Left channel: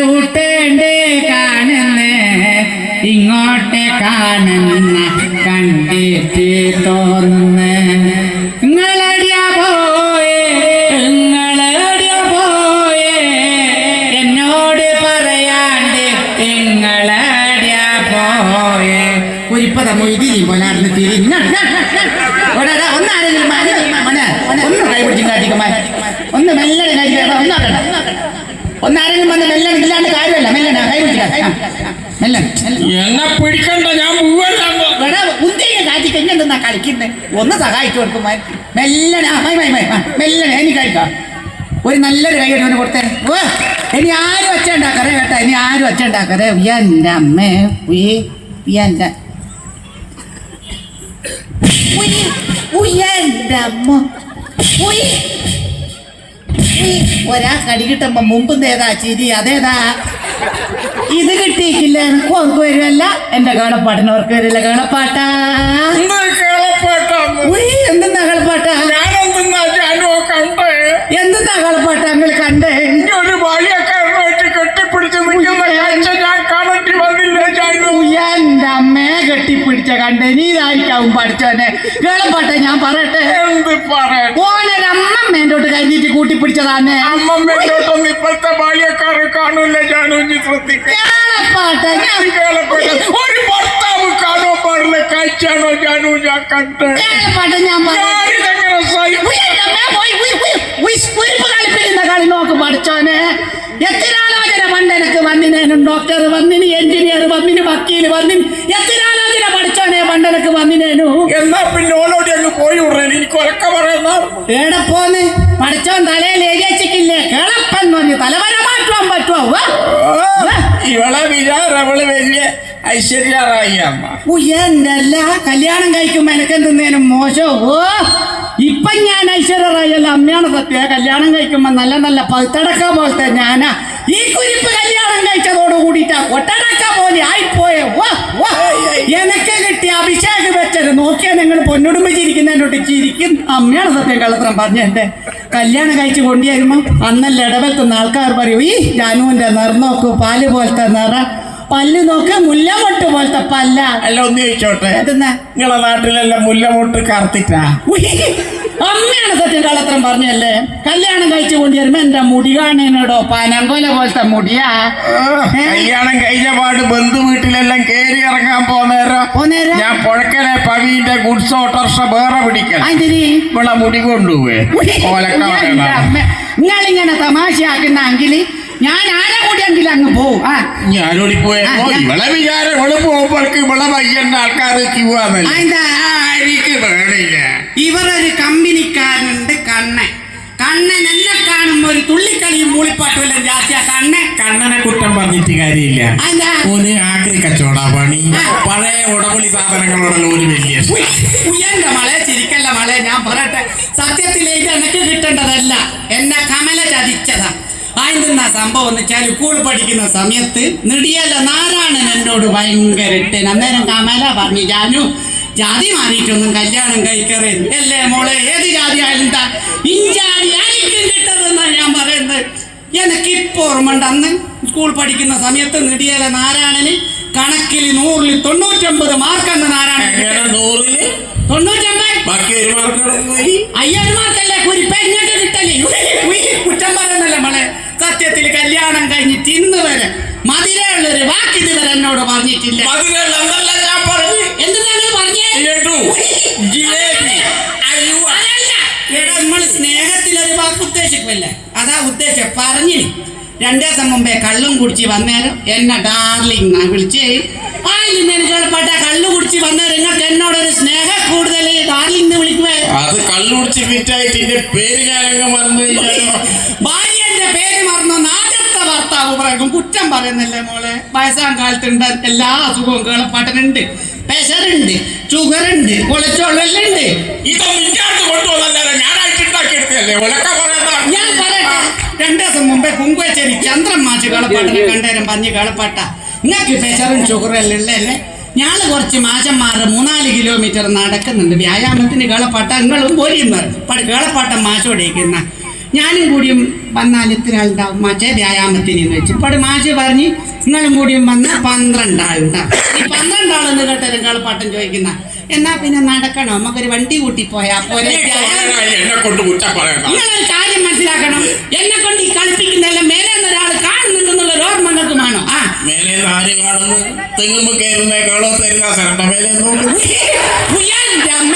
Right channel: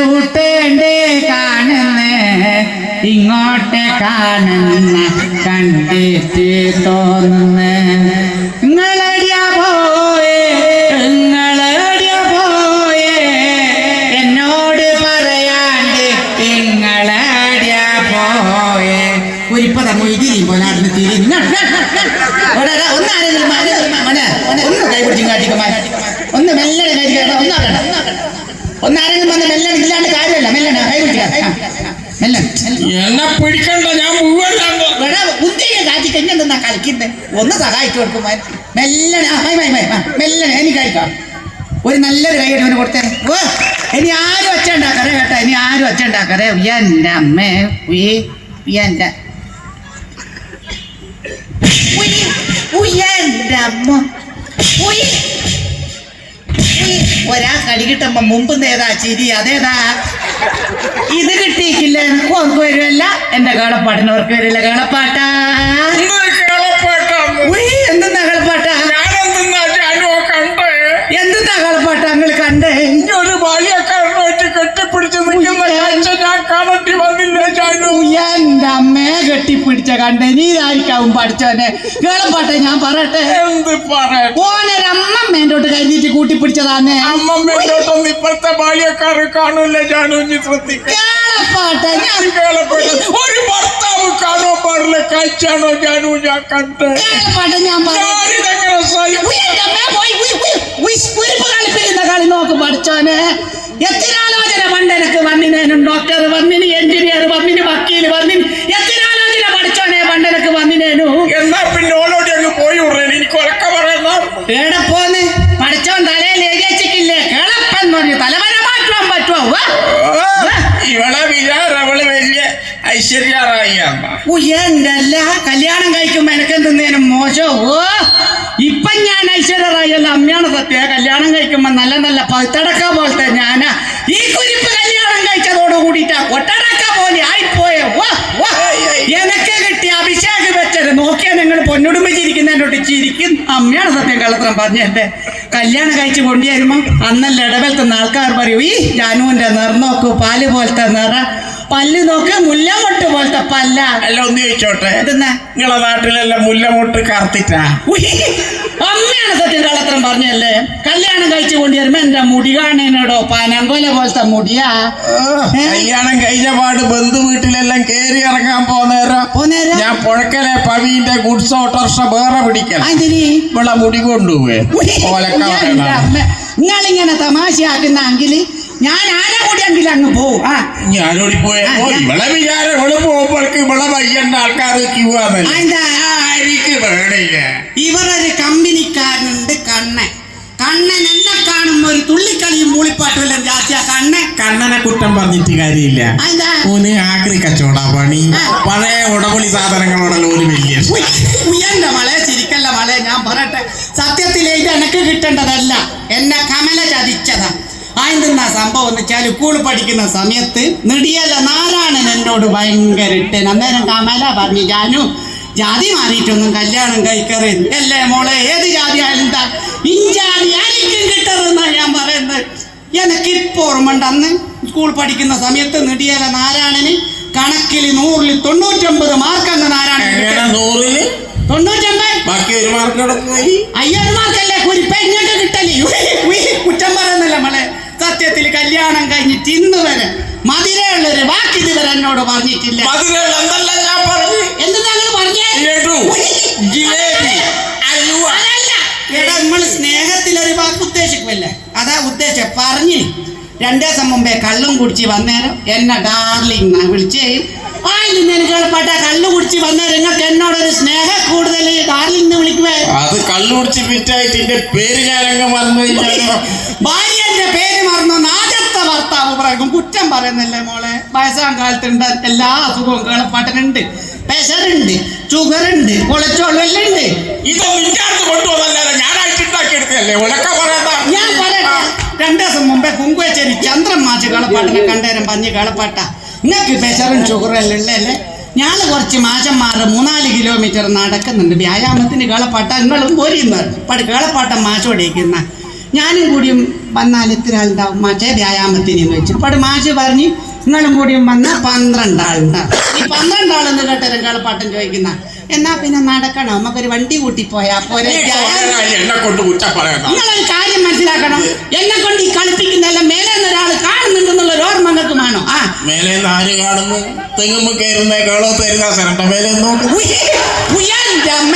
ചൂട്ടേണ്ടേ കാണുന്ന ഇങ്ങോട്ട് കാണുന്ന കണ്ടിട്ട് തോന്നുന്ന നിങ്ങളടിയാ പോയേ എന്നോട് പറയാണ്ട് നിങ്ങളടിയാ പോയേ ഒരിപ്പത മൊയ്തിരി പോലെ നടന്ന് തിരിഞ്ഞ ഒന്ന് കൈ പിടിച്ചും കാട്ടിക്കുമാർ ഒന്ന് മെല്ലനെ കാര്യം ഒന്നാരെങ്കിലും വന്ന് മെല്ലൻ ഇല്ലാണ്ട് കാര്യമല്ല മെല്ലന കൈ എന്നെ പിടിക്കണ്ട ഞാൻ ഉദ്ദേശ കാറ്റിക്ക് എങ്ങനെന്താ കളിക്കുന്നത് ഒന്ന് സഹായിച്ചു കൊടുക്കുമാർ മെല്ലനെ എനിക്ക് കഴിക്കാം ഒരു നല്ലൊരു കൈ എടുത്ത് കൊടുത്തേ ഓ ഇനി ആരും ഒച്ച ഉണ്ടാക്കറേ കേട്ടോ ഇനി ആരും ഒച്ച ഉണ്ടാക്കറേ എൻ്റെ അമ്മേ എൻ്റെ അമ്മ ഒരാ കടി കിട്ടുമ്പോ മുമ്പ് ഏതാ ചിരി അതേതാ ഇത് കിട്ടിയിട്ടില്ല എനിക്ക് ഓർക്ക് വരുമല്ല എന്റെ കേളപ്പാട്ടിനവർക്ക് വരില്ല കേളപ്പാട്ടാ എന്തെന്നാ കേളപ്പാട്ടാ എന്തെന്നാ കേളപ്പാട്ട നിങ്ങൾ കണ്ടേ ഒരു ബാല്യക്കാരനായിട്ട് കെട്ടിപ്പിടിച്ച് നിൽക്കുന്ന കാഴ്ച ഞാൻ കാണേണ്ടി വന്നില്ല. എന്റെ അമ്മയെ കെട്ടിപ്പിടിച്ച കണ്ടേ നീ ഇതായിരിക്കാവും പഠിച്ചോനെ കേളപ്പാട്ട ഞാൻ പറയട്ടെ എന്ത് പറയാൻ ഓനൊരമ്മമ്മേൻ്റോട്ട് കഴിഞ്ഞിട്ട് കൂട്ടിപ്പിടിച്ചതാന്നെ അമ്മമ്മേട്ടൊന്നും ഇപ്പോഴത്തെ ബാല്യക്കാരെ കാണൂല. ജാനു ശ്രദ്ധിക്കുക ഒരു ഭർത്താവ് കാണാൻ പാടില്ല കാഴ്ചയാണോ ജാനു ഞാൻ കണ്ടത്. ഞാൻ കളിപ്പിക്കുന്ന കളി നോക്ക് പഠിച്ചോനെ എത്ര ആലോചന പണ്ടെനിക്ക് വന്നിനേനും ഡോക്ടർ വന്നിന് എഞ്ചിനീയർ വന്നിന് വക്കീൽ വന്നിന് എത്ര ആലോചന പഠിച്ചോനെ പണ്ടെനിക്ക് വന്നിനേനു. എന്നാ പിന്നെ ഓളോട് അങ്ങ് പോയി എനിക്ക് ഉറക്ക പറയുന്ന എവിടെ പോന്ന് പഠിച്ചോൻ തലയിൽ എഴുതിച്ചിട്ടില്ലേ കേളപ്പൻ പറഞ്ഞു തലവര മാറ്റാൻ പറ്റുമോ ഇവളെ വിചാരം അവള് വലിയ ഐശ്വര്യറായിയാണ്. എന്തല്ല കല്യാണം കഴിക്കുമ്പോ എനക്കെന്തിനേനും മോശമോ ഇപ്പൊ ഞാൻ ഐശ്വര്യറായല്ല അമ്മയാണ് സത്യ കല്യാണം കഴിക്കുമ്പോ നല്ല നല്ല പഴുത്തടക്ക പോലത്തെ ഞാനാ ഈ കുരിപ്പ് കല്യാണം കഴിച്ചതോട് കൂടിയിട്ട് ഒട്ടടക്ക പോലെ ആയിപ്പോയേ എനക്ക് കിട്ടിയ അഭിഷേക് വെച്ചത് നോക്കിയാൽ നിങ്ങൾ പൊന്നുടുമ്പിച്ചിരിക്കുന്നതിനോട്ട് ചിരിക്കും അമ്മയാണ് സത്യം കള്ളത്തരം പറഞ്ഞെന്റെ കല്യാണം കഴിച്ച് കൊണ്ടുവരുമ്പോ അന്നല്ല ഇടവലത്തുന്ന ആൾക്കാർ പറയൂ ഈ ജാനുവിന്റെ നിറന്നോക്കൂ പാല് പോലത്തെ നിറ പല്ല് നോക്ക് മുല്ലമൊട്ട് പോലത്തെ പല്ല അല്ല ഒന്ന് ചോദിച്ചോട്ടെ എന്തെന്നാ നിങ്ങളെ നാട്ടിലെല്ലാം മുല്ലമൊട്ട് കറുത്തിട്ടാ അമ്മയാണ് സത്യം കള്ളത്തരം പറഞ്ഞല്ലേ കല്യാണം കഴിച്ചു കൊണ്ടുവരുമ്പോ എന്റെ മുടി കാണേനോടോ പനങ്കോല പോലത്തെ മുടിയാ കല്യാണം കഴിഞ്ഞ പാട് ബന്ധു വീട്ടിലെല്ലാം കേറി ഇറങ്ങാൻ പോന്നേരം ഞാൻ പുഴക്കലെ പവിന്റെ ഗുഡ്സ് ഓട്ടോറിക്ഷ വേറെ പിടിക്കണം ഇവിടെ മുടി കൊണ്ടുപോവേ നിങ്ങളിങ്ങനെ തമാശയാക്കുന്നെങ്കിൽ ഞാൻ ആരെ കൂടിയെങ്കിൽ അങ്ങ് പോവും ഞാനോടി പോയപ്പോ ഇവളെ വിചാരം ഇവള് പോകുമ്പോൾക്ക് ഇവളെ പയ്യന്റെ ആൾക്കാരെ ക്യൂ ആണല്ലേ ഇവരൊരു കമ്പനിക്കാരനുണ്ട് കണ്ണൻ എന്നെ കാണുമ്പോ ഒരു തുള്ളിക്കളിയും മൂളിപ്പാട്ടും ജാസ്തിയാ കണ്ണനെ കുറ്റം പറഞ്ഞിട്ട് കാര്യമില്ല. ഓന് ആക്രി കച്ചവട പണി പഴയ ഉടമണി സാധനങ്ങളോടുള്ള ഒരു വലിയ എന്റെ മളെ ചിരിക്കല്ല മളെ ഞാൻ പറയട്ടെ സത്യത്തിലെ ഇത് എനക്ക് കിട്ടേണ്ടതല്ല എന്നെ കമല ചതിച്ചതാ. ആയിരുന്ന സംഭവം എന്ന് വെച്ചാൽ സ്കൂൾ പഠിക്കുന്ന സമയത്ത് നെടിയല്ല നാരായണൻ എന്നോട് ഭയങ്കര ഇട്ടൻ അന്നേരം കമല പറഞ്ഞു ജാനു ജാതി മാറിയിട്ടൊന്നും കല്യാണം കഴിക്കറില്ല അല്ലേ മോളെ ഏത് ജാതി ആയാലും ഇഞ്ചാതി ആയിരിക്കും കിട്ടതെന്നാ ഞാൻ പറയുന്നത്. എനിക്കിപ്പോ ഓർമ്മണ്ട് അന്ന് സ്കൂൾ പഠിക്കുന്ന സമയത്ത് നെടിയല നാരായണന് കണക്കിൽ 100-ൽ 99 മാർക്കെന്ന് നാരായണൻ 99 50 മാർക്കല്ലേ കുരിപ്പ ഇങ്ങോട്ട് കിട്ടല്ലേ കുറ്റം പറയുന്നില്ല മോളെ. സത്യത്തിൽ കല്യാണം കഴിഞ്ഞിട്ട് ഇന്ന് വരെ മധുരയുള്ളൊരു വാക്ക് ഇതുവരെ എന്നോട് പറഞ്ഞിട്ടില്ല. നമ്മൾ സ്നേഹത്തിലൊരു വാക്ക് ഉദ്ദേശിക്കുമല്ലേ അതാ ഉദ്ദേശം പറഞ്ഞു. 2 ദിവസം മുമ്പേ കള്ളും കുടിച്ച് വന്നേരം എന്നെ ഡാർലിംഗ് വിളിച്ച് കേൾപ്പാട്ട കള്ളു കുടിച്ച് വന്നേരം നിങ്ങൾക്ക് എന്നോടൊരു സ്നേഹം കൂടുതൽ ഡാർലിംഗ് വിളിക്കുവേ. അത് കള്ളു കുടിച്ച് ഫിറ്റായിട്ട് പേര് ഭാര്യന്റെ പേര് മറന്നു ആദ്യത്തെ ഭർത്താവ് പറയും കുറ്റം പറയുന്നില്ലേ മോളെ. വയസ്സാം കാലത്തുണ്ട് എല്ലാ അസുഖവും കേളപ്പാട്ടനുണ്ട്. പ്രഷറുണ്ട്, ഷുഗറുണ്ട്, കൊളസ്ട്രോൾ എല്ലാം ഉണ്ട്. ഞാൻ പറയട്ടെ 2 ദിവസം മുമ്പേ കുങ്കുവച്ചേരി ചന്ദ്രൻ മാച്ച് കേളപ്പാട്ടിനെ കണ്ടേരം പറഞ്ഞ് കേളപ്പാട്ട നിങ്ങൾക്ക് പ്രഷറും ഷുഗറും എല്ലാം ഉള്ളല്ലേ. ഞാൻ കുറച്ച് മാഷന്മാർ 3-4 കിലോമീറ്റർ നടക്കുന്നുണ്ട് വ്യായാമത്തിന് കേളപ്പാട്ട നിങ്ങളും പോരുന്നു കേളപ്പാട്ട മാഷോടേക്കുന്ന ഞാനും കൂടിയും വന്നാൽ എത്ര ആളുണ്ടാവും മറ്റേ വ്യായാമത്തിന് വെച്ച് ഇപ്പോൾ മാഷ് പറഞ്ഞ് നിങ്ങളും കൂടിയും വന്നാൽ 12 ആളുണ്ടാവും. ഈ 12 ആളെന്ന് കേട്ട കളിപ്പാട്ടം ചോദിക്കുന്ന എന്നാ പിന്നെ നടക്കണോ നമുക്കൊരു വണ്ടി കൂട്ടി പോയാ പോരെ? എന്നെ കൊണ്ട് കുറ്റം പറയണം. നിങ്ങളൊരു കാര്യം മനസ്സിലാക്കണം, എന്നെ കൊണ്ട് ഈ കളിപ്പിക്കുന്നതെല്ലാം മേലെ ഒരാൾ കാണുന്നുണ്ടെന്നുള്ള ഒരു ഓർമ്മ നിങ്ങൾക്ക് വേണം. ആ മേലെ ആര് കാണുന്നു? തെങ്ങുമ്പോ കയറുന്ന കേളോ തരുന്ന സ്ഥലം മേലെ നോക്കുന്നു. ഉയ്യാന്റെ അമ്മ